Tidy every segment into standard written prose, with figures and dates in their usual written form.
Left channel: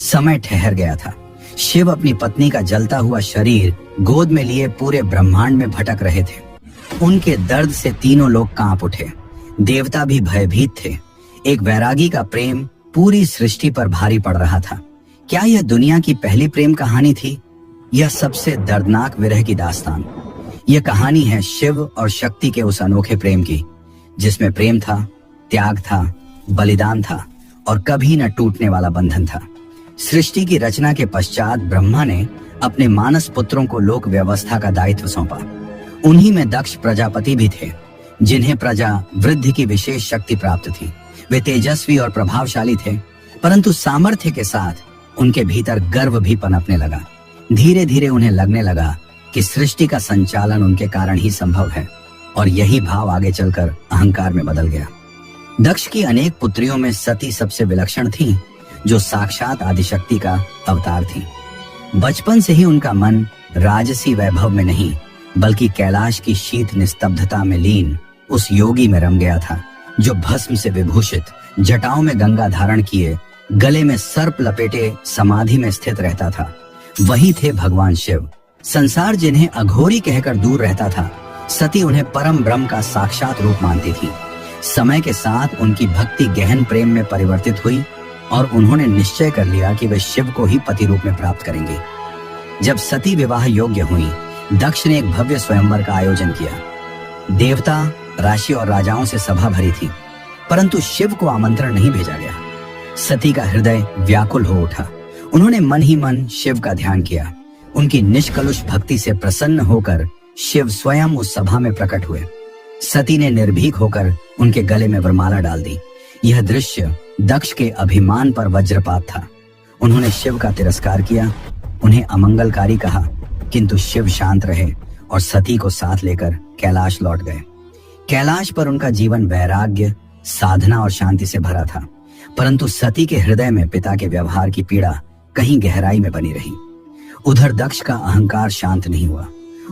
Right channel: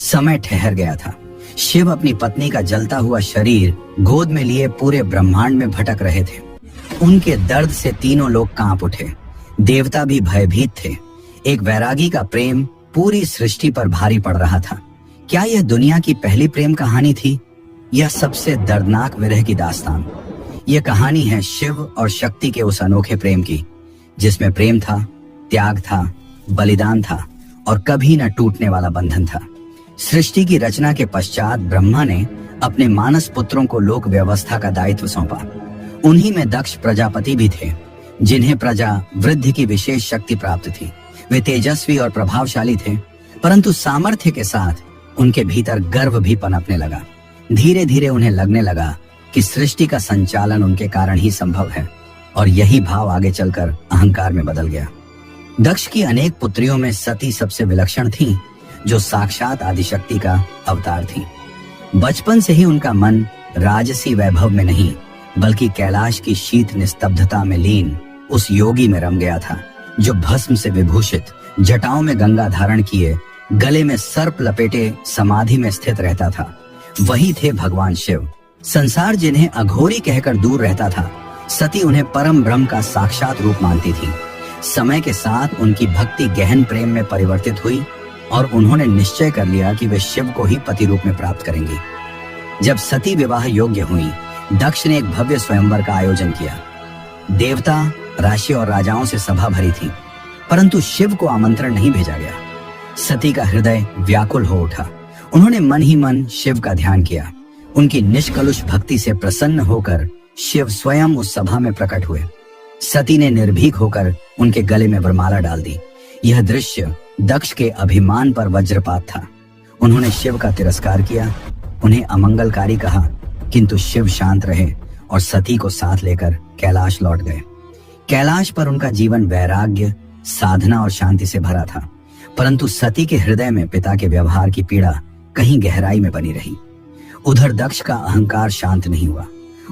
समय ठहर गया था। शिव अपनी पत्नी का जलता हुआ शरीर गोद में लिए पूरे ब्रह्मांड में भटक रहे थे। उनके दर्द से तीनों लोग कांप उठे। देवता भी भयभीत थे। एक वैरागी का प्रेम पूरी सृष्टि पर भारी पड़ रहा था। क्या यह दुनिया की पहली प्रेम कहानी थी? यह सबसे दर्दनाक विरह की दास्तान। यह कहानी है शिव और शक्ति के उस अनोखे प्रेम की, जिसमें प्रेम था, त्याग था, बलिदान था और कभी न टूटने वाला बंधन था। सृष्टि की रचना के पश्चात ब्रह्मा ने अपने मानस पुत्रों को लोक व्यवस्था का दायित्व सौंपा। उन्हीं में दक्ष प्रजापति भी थे, जिन्हें प्रजा वृद्धि की विशेष शक्ति प्राप्त थी। वे तेजस्वी और प्रभावशाली थे, परंतु सामर्थ्य के साथ उनके भीतर गर्व भी पनपने लगा। धीरे धीरे उन्हें लगने लगा कि सृष्टि का संचालन उनके कारण ही संभव है, और यही भाव आगे चलकर अहंकार में बदल गया। दक्ष की अनेक पुत्रियों में सती सबसे विलक्षण थी, जो साक्षात आदिशक्ति का अवतार थी। बचपन से ही उनका मन राजसी वैभव में नहीं, बल्कि कैलाश की शीत निस्तब्धता में लीन उस योगी में रम गया था, जो भस्म से विभूषित, जटाओं में गंगा धारण किए, गले में सर्प लपेटे समाधि में स्थित रहता था। वही थे भगवान शिव। संसार जिन्हें अघोरी कहकर दूर रहता था, सती उन्हें परम ब्रह्म का साक्षात रूप मानती थी। समय के साथ उनकी भक्ति गहन प्रेम में परिवर्तित हुई और उन्होंने निश्चय कर लिया कि वे शिव को ही पति रूप में प्राप्त करेंगे। जब सती विवाह योग्य हुई, दक्ष ने एक भव्य स्वयंवर का आयोजन किया। देवता, राशि और राजाओं से सभा भरी थी, परंतु शिव को आमंत्रण नहीं भेजा गया। सती का हृदय व्याकुल हो उठा। उन्होंने मन ही मन शिव का ध्यान किया। उनकी निष्कलुष भक्ति से प्रसन्न होकर शिव स्वयं उस सभा में प्रकट हुए। सती ने निर्भीक होकर उनके गले में वरमाला डाल दी। यह दृश्य दक्ष के अभिमान पर वज्रपात था। उन्होंने शिव का तिरस्कार किया, उन्हें अमंगलकारी कहा, किंतु शिव शांत रहे और सती को साथ लेकर कैलाश लौट गए। कैलाश पर उनका जीवन वैराग्य, साधना और शांति से भरा था, परंतु सती के हृदय में पिता के व्यवहार की पीड़ा कहीं गहराई में बनी रही। उधर दक्ष का अहंकार शांत नहीं हुआ।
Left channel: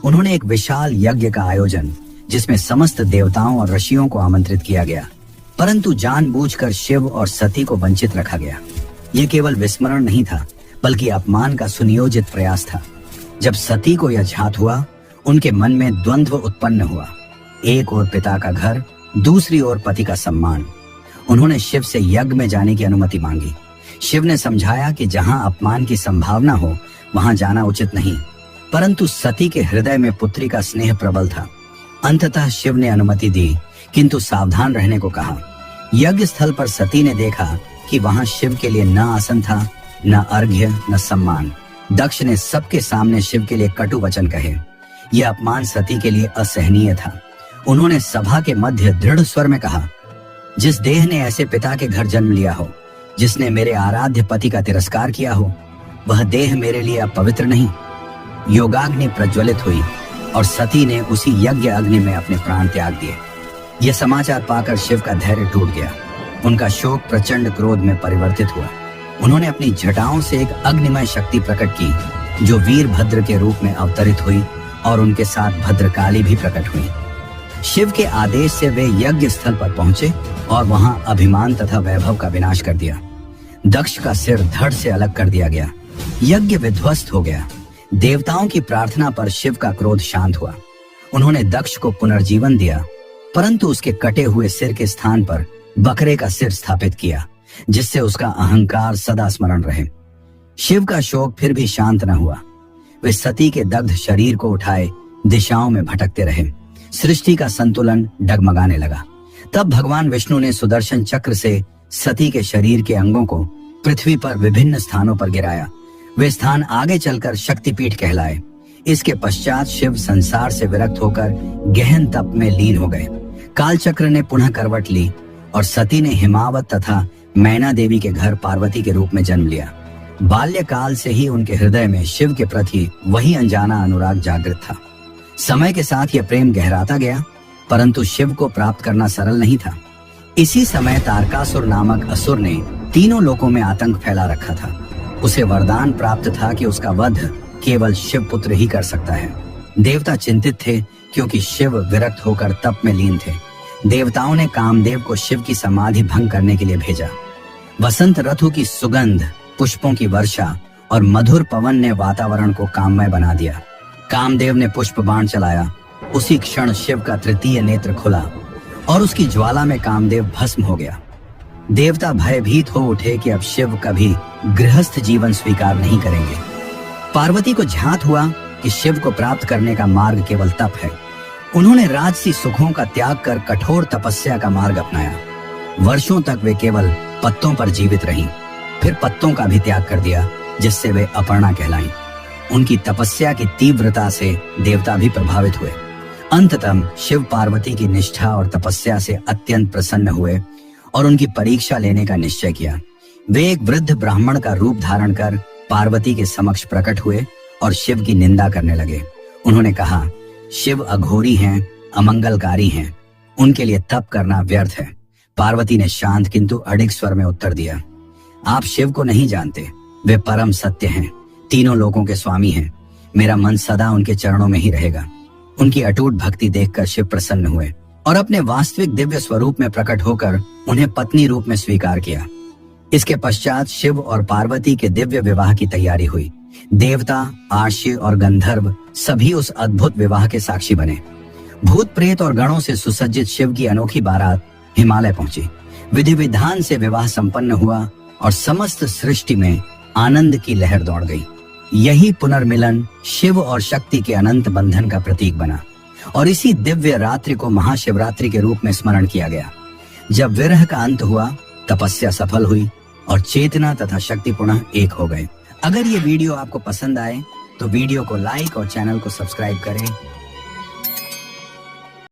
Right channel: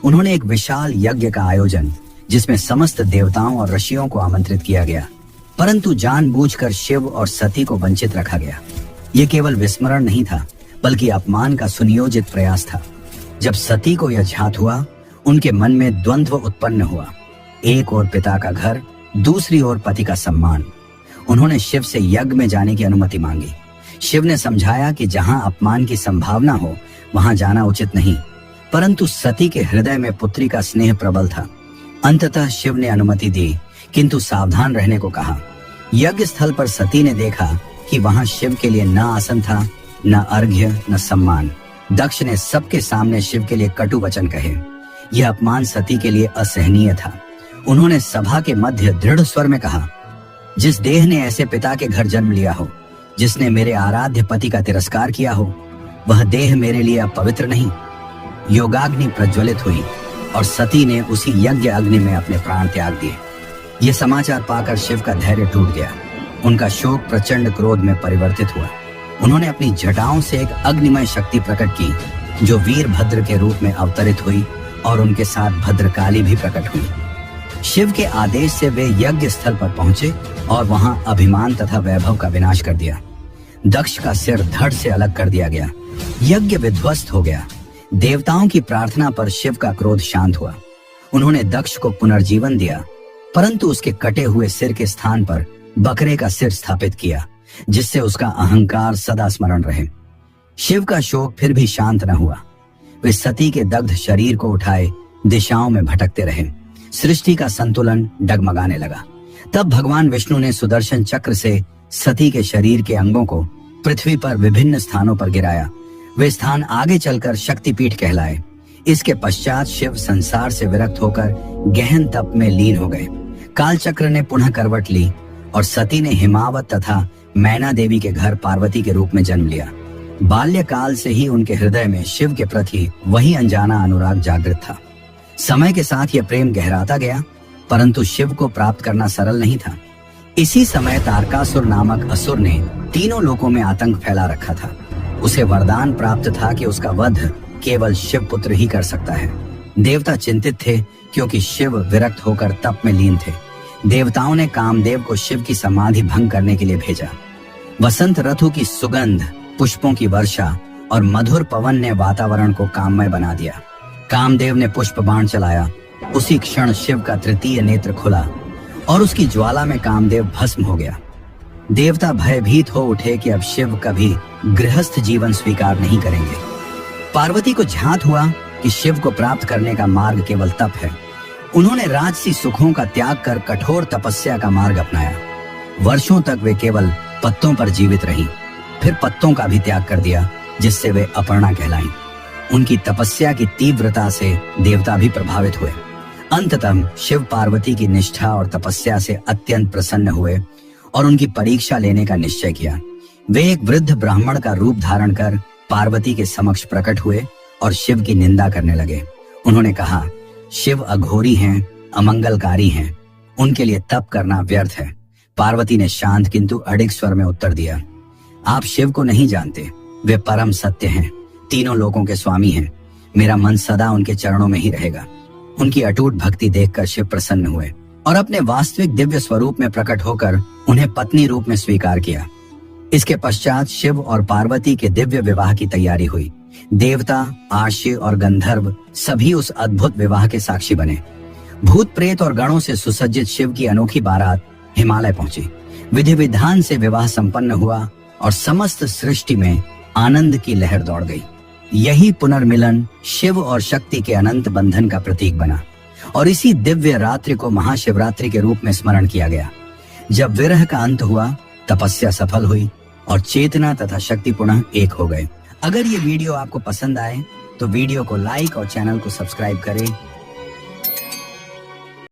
उन्होंने एक विशाल यज्ञ का आयोजन, जिसमें समस्त देवताओं और ऋषियों को आमंत्रित किया गया, परंतु जानबूझकर शिव और सती को वंचित रखा गया। ये केवल विस्मरण नहीं था, बल्कि अपमान का सुनियोजित प्रयास था। जब सती को यह ज्ञात हुआ, उनके मन में द्वंद्व उत्पन्न हुआ। एक ओर पिता का घर, दूसरी ओर पति का सम्मान। उन्होंने शिव से यज्ञ में जाने की अनुमति मांगी। शिव ने समझाया कि जहां अपमान की संभावना हो, वहां जाना उचित नहीं, परंतु सती के हृदय में पुत्री का स्नेह प्रबल था। अंततः शिव ने अनुमति दी, किंतु सावधान रहने को कहा। यज्ञ स्थल पर सती ने देखा कि वहां शिव के लिए न आसन था, न अर्घ्य, न सम्मान। दक्ष ने सबके सामने शिव के लिए कटु वचन कहे। यह अपमान सती के लिए असहनीय था। उन्होंने सभा के मध्य दृढ़ स्वर में कहा, जिस देह ने ऐसे पिता के घर जन्म लिया हो, जिसने मेरे आराध्य पति का तिरस्कार किया हो, वह देह मेरे लिए अब पवित्र नहीं। योगाग्नि प्रज्वलित हुई और सती ने उसी यज्ञ अग्नि में अपने प्राण त्याग दिए। यह समाचार पाकर शिव का धैर्य टूट गया। उनका शोक प्रचंड क्रोध में परिवर्तित हुआ। उन्होंने अपनी जटाओं से एक अग्निमय शक्ति प्रकट की, जो वीरभद्र के रूप में अवतरित हुई, और उनके साथ भद्रकाली भी प्रकट हुई। शिव के आदेश से वे यज्ञ स्थल पर पहुंचे और वहां अभिमान तथा वैभव का विनाश कर दिया। दक्ष का सिर धड़ से अलग कर दिया गया। यज्ञ विध्वस्त हो गया। देवताओं की प्रार्थना पर शिव का क्रोध शांत हुआ। उन्होंने दक्ष को पुनर्जीवन दिया, परंतु उसके कटे हुए सिर के स्थान पर बकरे का सिर स्थापित किया, जिससे उसका अहंकार सदा स्मरण रहे। शिव का शोक फिर भी शांत न हुआ। वे सती के दग्ध शरीर को उठाए दिशाओं में भटकते रहे। सृष्टि का संतुलन डगमगाने लगा। तब भगवान विष्णु ने सुदर्शन चक्र से सती के शरीर के अंगों को पृथ्वी पर विभिन्न स्थानों पर गिराया। वे स्थान आगे चलकर शक्तिपीठ कहलाए। इसके पश्चात शिव संसार से विरक्त होकर गहन तप में लीन हो गए। कालचक्र ने पुनः करवट ली और सती ने हिमावत तथा मैना देवी के घर पार्वती के रूप में जन्म लिया। बाल्यकाल से ही उनके हृदय में शिव के प्रति वही अनजाना अनुराग जागृत था। समय के साथ यह प्रेम गहराता गया, परंतु शिव को प्राप्त करना सरल नहीं था। इसी समय तारकासुर नामक असुर ने तीनों लोकों में आतंक फैला रखा था। उसे वरदान प्राप्त था कि उसका वध केवल शिव पुत्र ही कर सकता है। देवता चिंतित थे, क्योंकि शिव विरक्त होकर तप में लीन थे। देवताओं ने कामदेव को शिव की समाधि भंग करने के लिए भेजा। वसंत ऋतु की सुगंध पुष्पों की वर्षा और मधुर पवन ने वातावरण को काममय बना दिया। कामदेव ने पुष्प बाण चलाया। उसी क्षण शिव का तृतीय नेत्र खुला और उसकी ज्वाला में कामदेव भस्म हो गया। देवता भयभीत हो उठे कि अब शिव कभी गृहस्थ जीवन स्वीकार नहीं करेंगे। पार्वती को ध्यात हुआ कि शिव को प्राप्त करने का मार्ग केवल तप है। उन्होंने राजसी सुखों का त्याग कर कठोर तपस्या का मार्ग अपनाया। वर्षों तक वे केवल पत्तों पर जीवित रहीं, फिर पत्तों का भी त्याग कर दिया, जिससे वे अपर्णा कहलाईं। उनकी तपस्या की तीव्रता से देवता भी प्रभावित हुए। अंततः शिव पार्वती की निष्ठा और तपस्या से अत्यंत प्रसन्न हुए और उनकी परीक्षा लेने का निश्चय किया। वे एक वृद्ध ब्राह्मण का रूप धारण कर पार्वती के समक्ष प्रकट हुए और शिव की निंदा करने लगे। उन्होंने कहा, शिव अघोरी हैं, अमंगलकारी हैं, उनके लिए तप करना व्यर्थ है। पार्वती ने शांत किंतु अडिग स्वर में उत्तर दिया, आप शिव को नहीं जानते, वे परम सत्य हैं, तीनों लोकों के स्वामी हैं। मेरा मन सदा उनके चरणों में ही रहेगा। उनकी अटूट भक्ति देखकर शिव प्रसन्न हुए और अपने वास्तविक दिव्य स्वरूप में प्रकट होकर उन्हें पत्नी रूप में स्वीकार किया। इसके पश्चात शिव और पार्वती के दिव्य विवाह की तैयारी हुई। देवता, आर्षि और गंधर्व सभी उस अद्भुत विवाह के साक्षी बने। भूत प्रेत और गणों से सुसज्जित शिव की अनोखी बारात हिमालय पहुंची। विधि विधान से विवाह संपन्न हुआ और समस्त सृष्टि में आनंद की लहर दौड़ गई। यही पुनर्मिलन शिव और शक्ति के अनंत बंधन का प्रतीक बना और इसी दिव्य रात्रि को महाशिवरात्रि के रूप में स्मरण किया गया। जब विरह का अंत हुआ, तपस्या सफल हुई और चेतना तथा शक्ति पुनः एक हो गए। अगर ये वीडियो आपको पसंद आए तो वीडियो को लाइक और चैनल को सब्सक्राइब करें